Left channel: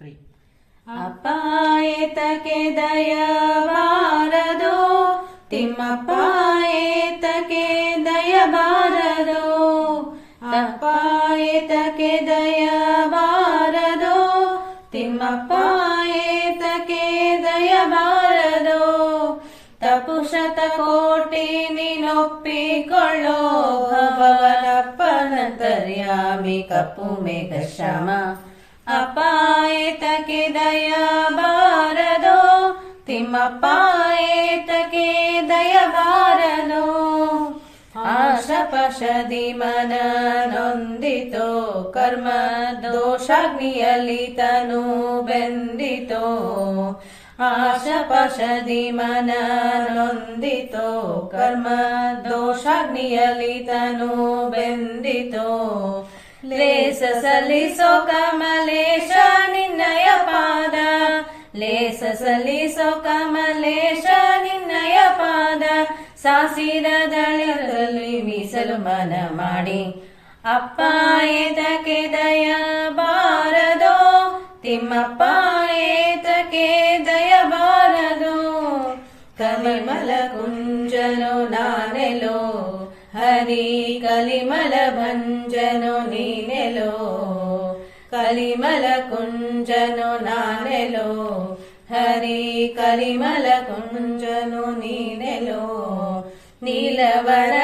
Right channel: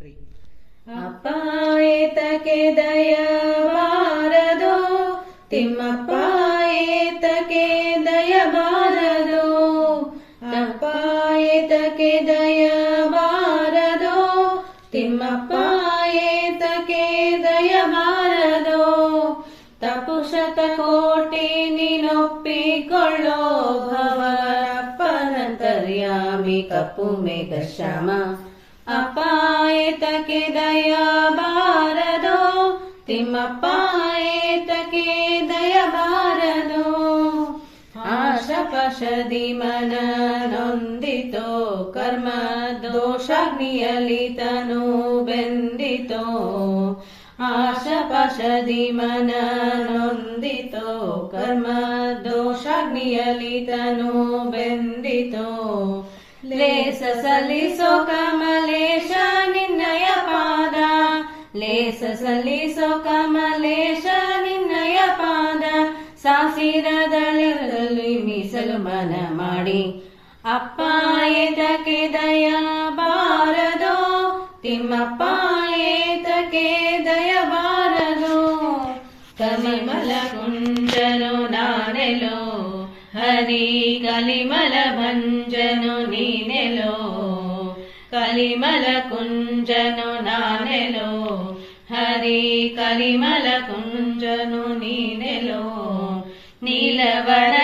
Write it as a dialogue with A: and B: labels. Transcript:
A: Three
B: ಅಪ್ಪ ದಯಬಾರದು ತಿಮ್ಮಪ್ಪಾಯತಕ್ಕೆ ದಯಬಾರದು ತಿಮ್ಮಪ್ಪ ದಯಬಾರದು ದಯ ದಯಬಾರದು ತಪುಷತ ಕೋಟಿ ನೀನೊಪ್ಪಿಕೊಳ್ಳೋ ಭವನಪ್ಪನ ತರ್ಯಾಮಿ ಕಪ್ಪು ಮೇಘ ಶ್ಯಾಮ ಅಪ್ಪ ಏತಕ್ಕೆ ದಯ ಬಾರದೋ ತಿಮ್ಮಪ್ಪ ಏತಕ್ಕೆ ದಯ ಬಾರದೋ ಆಶಪಶದಿ ಮನ ನೊಂದಿತೋ ಕರ್ಮ ದೋಷಾಗ್ನಿಯಲ್ಲಿ ತನು ಬೆಂದಿತೋ? ಆಶಪಶದಿ ಮನ ನೊಂದಿತೋ ಕರ್ಮ ದೋಷಾಗ್ನಿಯಲ್ಲಿ ತನು ಬೆಂದಿತೋ? ಲೇಸ ಸಲ್ಲಿಸೋ ಕಮಲೇಶ, ನಿನ್ನಯ ಪಾದ. ಲೇಸ ಸಲ್ಲಿಸೋ ಕಮಲೇಶ, ನಿನ್ನಯ ಪಾದ. ಸಾಸಿರದಳಿರಲಿ ಮೀಸಲು ಮನ ಮಾಡಿ. ಅಪ್ಪ ಏತಕ್ಕೆ ದಯ ಬಾರದು ತಿಮ್ಮಪ್ಪ ಏತಕ್ಕೆ ದಯ ಬಾರದು ಕಮಲ ಕುಂಜನು ನಾನೆಲೋ ಹರಿ కలిమల కుంజను నానెలో హరి కలిమల కుంజను నీనెలో నీలవర